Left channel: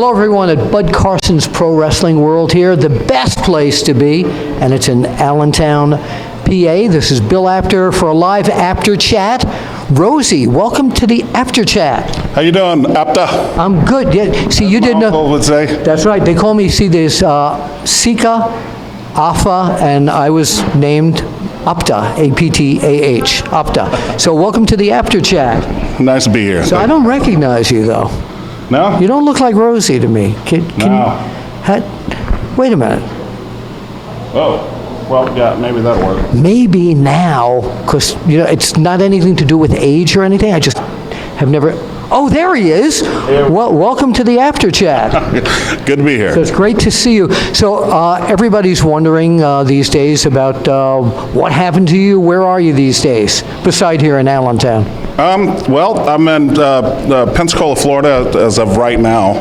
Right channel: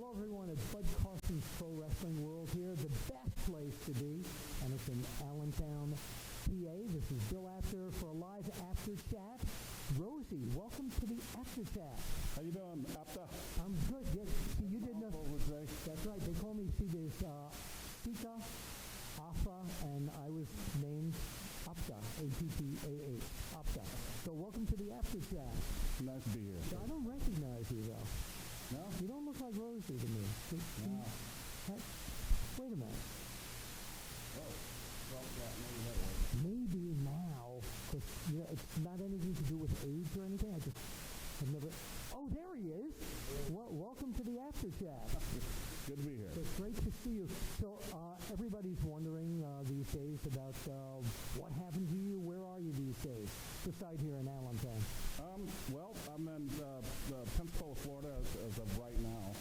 Hello everyone at Bud Carson's Pro Wrestling World here, the best place to be, and it's in Allentown, PA. This is Bill Apter for a live APTER Chat. Rosie, welcome to the APTER Chat. How you doing, Apter? I'm good. Yeah, see, you didn't know. Uncle would say. That's right. They call me, see, there's Sika, Afa, and I was named APTER, A-P-T-A-H, APTER. So welcome to the APTER Chat. Nice to be here. So I don't recognize you, though. No? You don't look like Rosie to me. Can wait a minute. Oh, well, yeah, maybe that'll work. Maybe now, because it's not anything to do with age or anything. I just have never. Oh, there he is. Well, welcome to the APTER Chat. Good to be here. So it's great to see you. So everybody's wondering these days about what happened to you. Where are you these days, beside here in Allentown? Well, I'm in Pensacola, Florida, as of right now.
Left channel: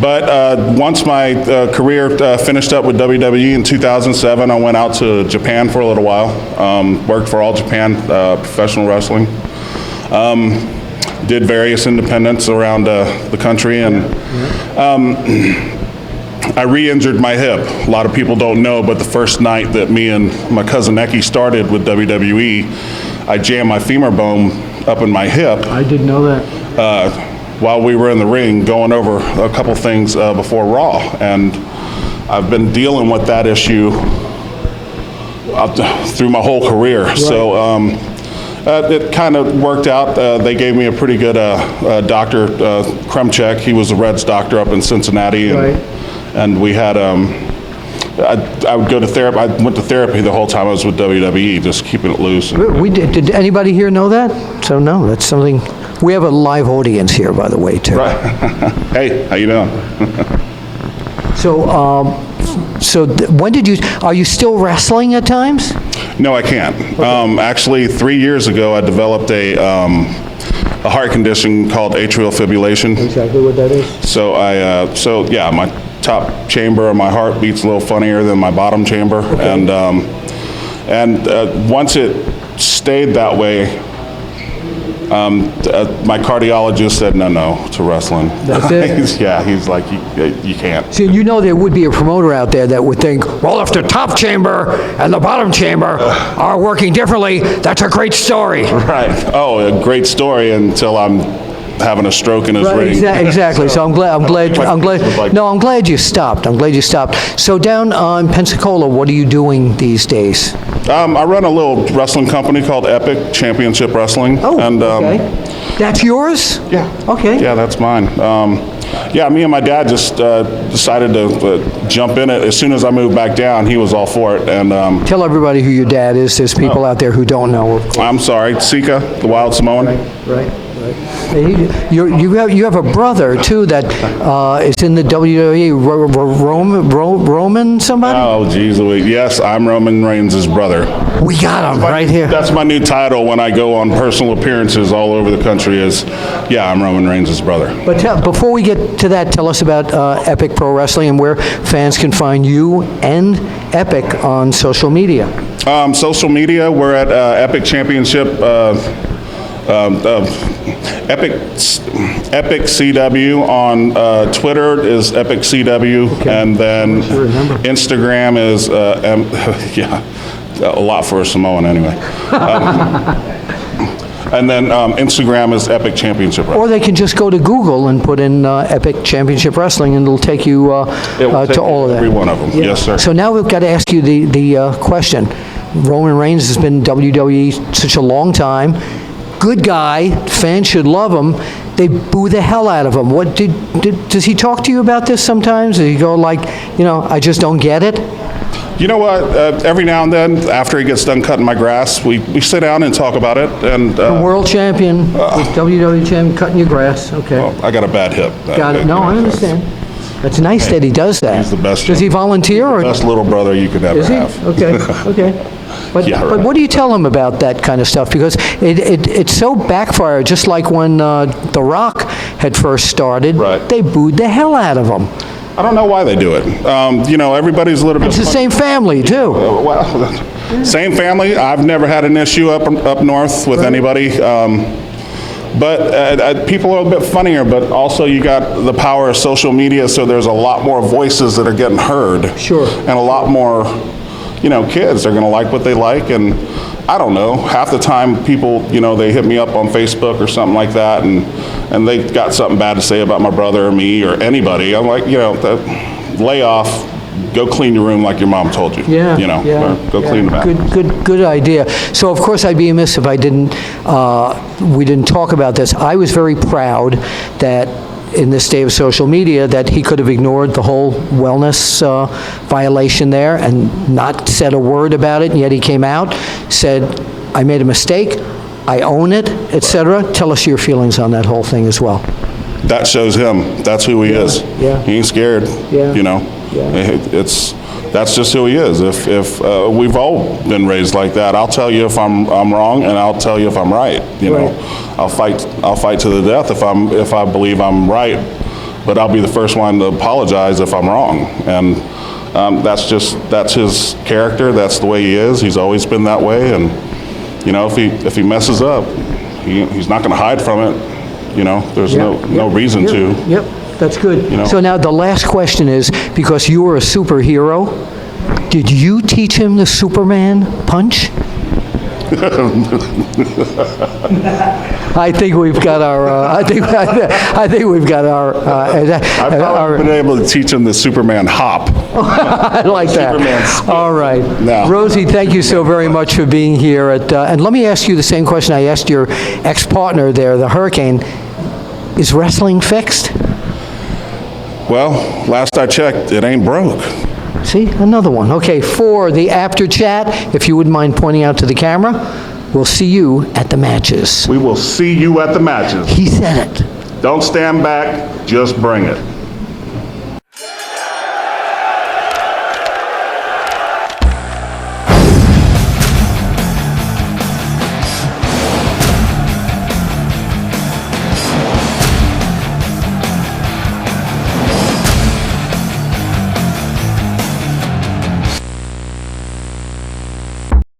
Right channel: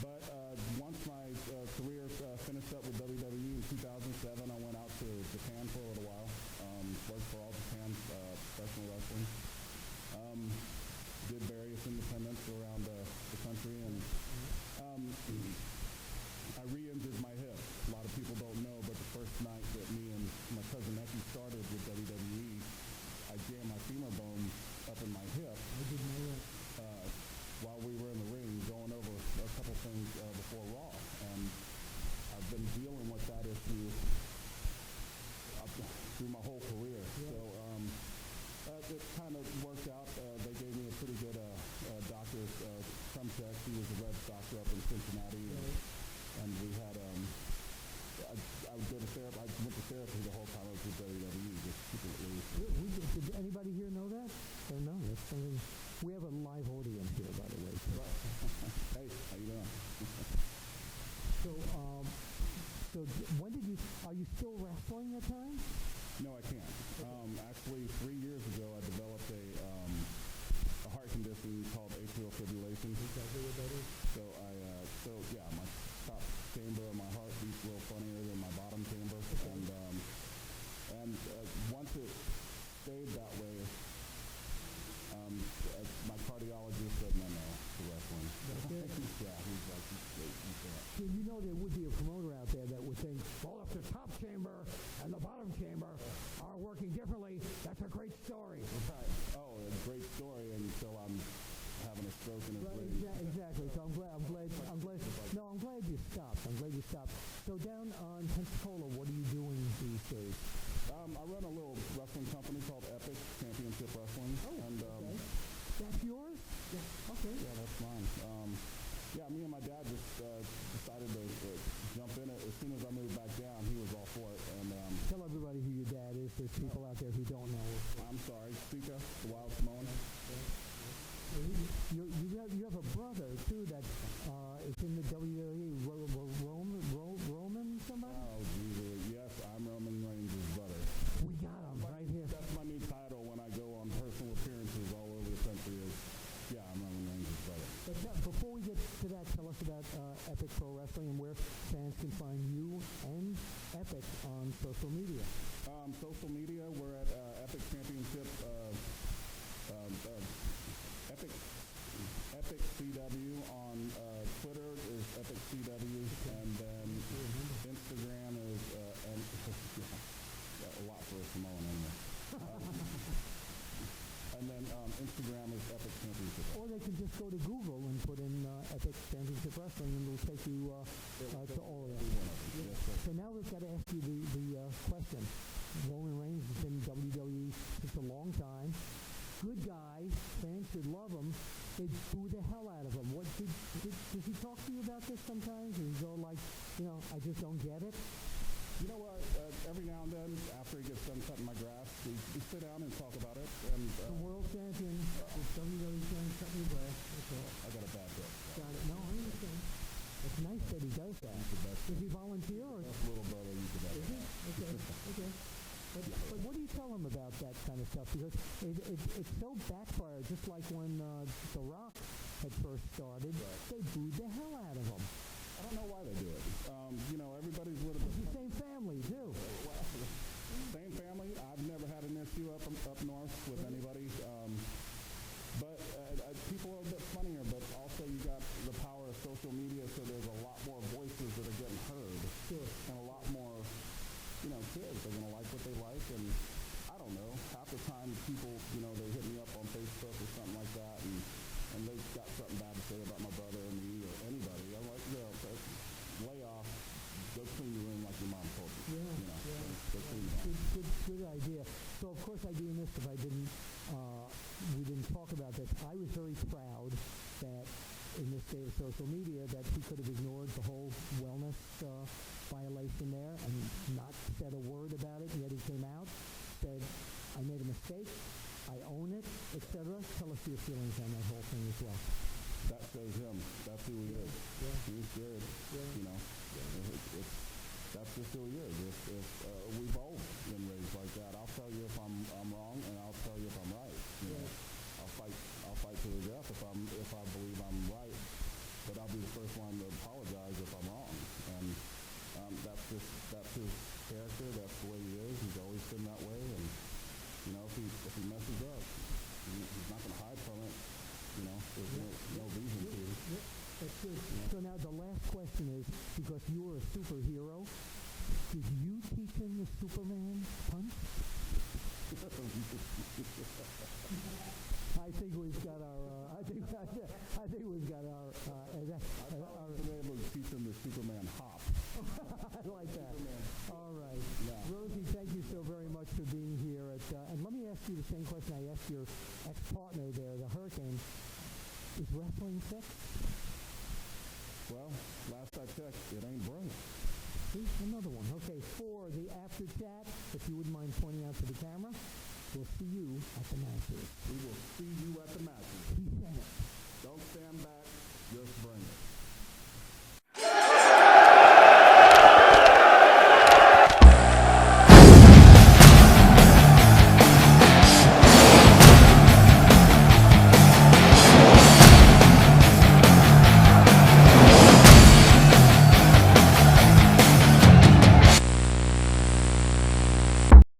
But once my career finished up with WWE in 2007, I went out to Japan for a little while. Worked for All Japan Professional Wrestling. Did various independents around the country, and I re-injured my hip. A lot of people don't know, but the first night that me and my cousin Eki started with WWE, I jammed my femur bone up in my hip. I didn't know that. While we were in the ring going over a couple things before Raw, and I've been dealing with that issue through my whole career. Right. So it kind of worked out. They gave me a pretty good doctor, Kremchek. He was a Reds doctor up in Cincinnati, and, right. And we had I would go to therapy. I went to therapy the whole time I was with WWE, just keeping it loose. Did anybody here know that? So no, that's something. We have a live audience here, by the way, too. Right. Hey, how you doing? So when did you? Are you still wrestling at times? No, I can't. Okay. Actually, 3 years ago, I developed a heart condition called atrial fibrillation. Exactly what that is. So yeah, my top chamber of my heart beats a little funnier than my bottom chamber, okay. And once it stayed that way, my cardiologist said no to wrestling. That's it? He's like, you can't. See, there would be a promoter out there that would think, well, if the top chamber and the bottom chamber are working differently, that's a great story. Right. Oh, a great story until I'm having a stroke in his ring. Exactly. So I'm glad you stopped. I'm glad you stopped. So down in Pensacola, what are you doing these days? I run a little wrestling company called APTER Championship Wrestling. Oh, and, okay. That's yours? Yeah. Okay. Yeah, that's mine. Yeah, me and my dad just decided to jump in it. As soon as I moved back down, he was all for it. And tell everybody who your dad is. There's people out there who don't know. I'm sorry, Sika, the Wild Samoan. Right. You have a brother too that is in the WWE. Roman somebody? Oh, geez, yes, I'm Roman Reigns' brother. We got him right here. That's my new title when I go on personal appearances all over the country. I'm Roman Reigns' brother. But before we get to that, tell us about Epic Pro Wrestling and where fans can find you and Epic on social media. Social media, we're at Epic Championship. Epic CW on Twitter is Epic CW, okay. And then Instagram is yeah, a lot for a Samoan anyway. And then Instagram is Epic Championship Wrestling. Or they can just go to Google and put in Epic Championship Wrestling, and it'll take you to all of that. Every one of them, yeah. Yes, sir. So now we've got to ask you the question. Roman Reigns has been in WWE such a long time. Good guy, fans should love him. They boo the hell out of him. What does he talk to you about this sometimes? Does he go like, I just don't get it? You know what? Every now and then, after he gets done cutting my grass, we sit down and talk about it. And the world champion, WWE champion, cutting your grass. Okay. Well, I got a bad hip. Got it. No, I understand. That's nice that he does that. He's the best. Does he volunteer? He's the best little brother you could ever have. Okay. Okay. But what do you tell him about that kind of stuff? Because it's so backfired, just like when The Rock had first started. Right. They booed the hell out of him. I don't know why they do it. Everybody's a little bit... It's the same family, too. Same family. I've never had an issue up north with anybody. But people are a bit funnier, but also you got the power of social media, so there's a lot more voices that are getting heard. Sure. And a lot more, kids are going to like what they like. And I don't know, half the time people, they hit me up on Facebook or something like that, and they got something bad to say about my brother or me or anybody. I'm like, lay off. Go clean your room like your mom told you. Yeah, or go clean the bathroom. Good idea. So of course I'd be amiss if I didn't, we didn't talk about this. I was very proud that in this day of social media that he could have ignored the whole wellness violation there and not said a word about it, and yet he came out, said, I made a mistake, I own it, etc. Tell us your feelings on that whole thing as well. That shows him. That's who he is. Yeah. He ain't scared. Yeah. Yeah. That's just who he is. If we've all been raised like that, I'll tell you if I'm wrong, and I'll tell you if I'm right. Right. I'll fight to the death if I believe I'm right, but I'll be the first one to apologize if I'm wrong. And that's his character. That's the way he is. He's always been that way. And if he messes up, he's not going to hide from it. There's no reason to. Yep, that's good. So now the last question is, because you were a superhero, did you teach him the Superman punch? I think we've got our. I think we've got our. I've probably been able to teach him the Superman hop. I like that. Superman skip. All right, No. Rosie, thank you so very much for being here. And let me ask you the same question I asked your ex-partner there, the Hurricane. Is wrestling fixed? Well, last I checked, it ain't broke. See, another one. Okay, for the Apter Chat, if you wouldn't mind pointing out to the camera, we'll see you at the matches. We will see you at the matches. He said it. Don't stand back, just bring it.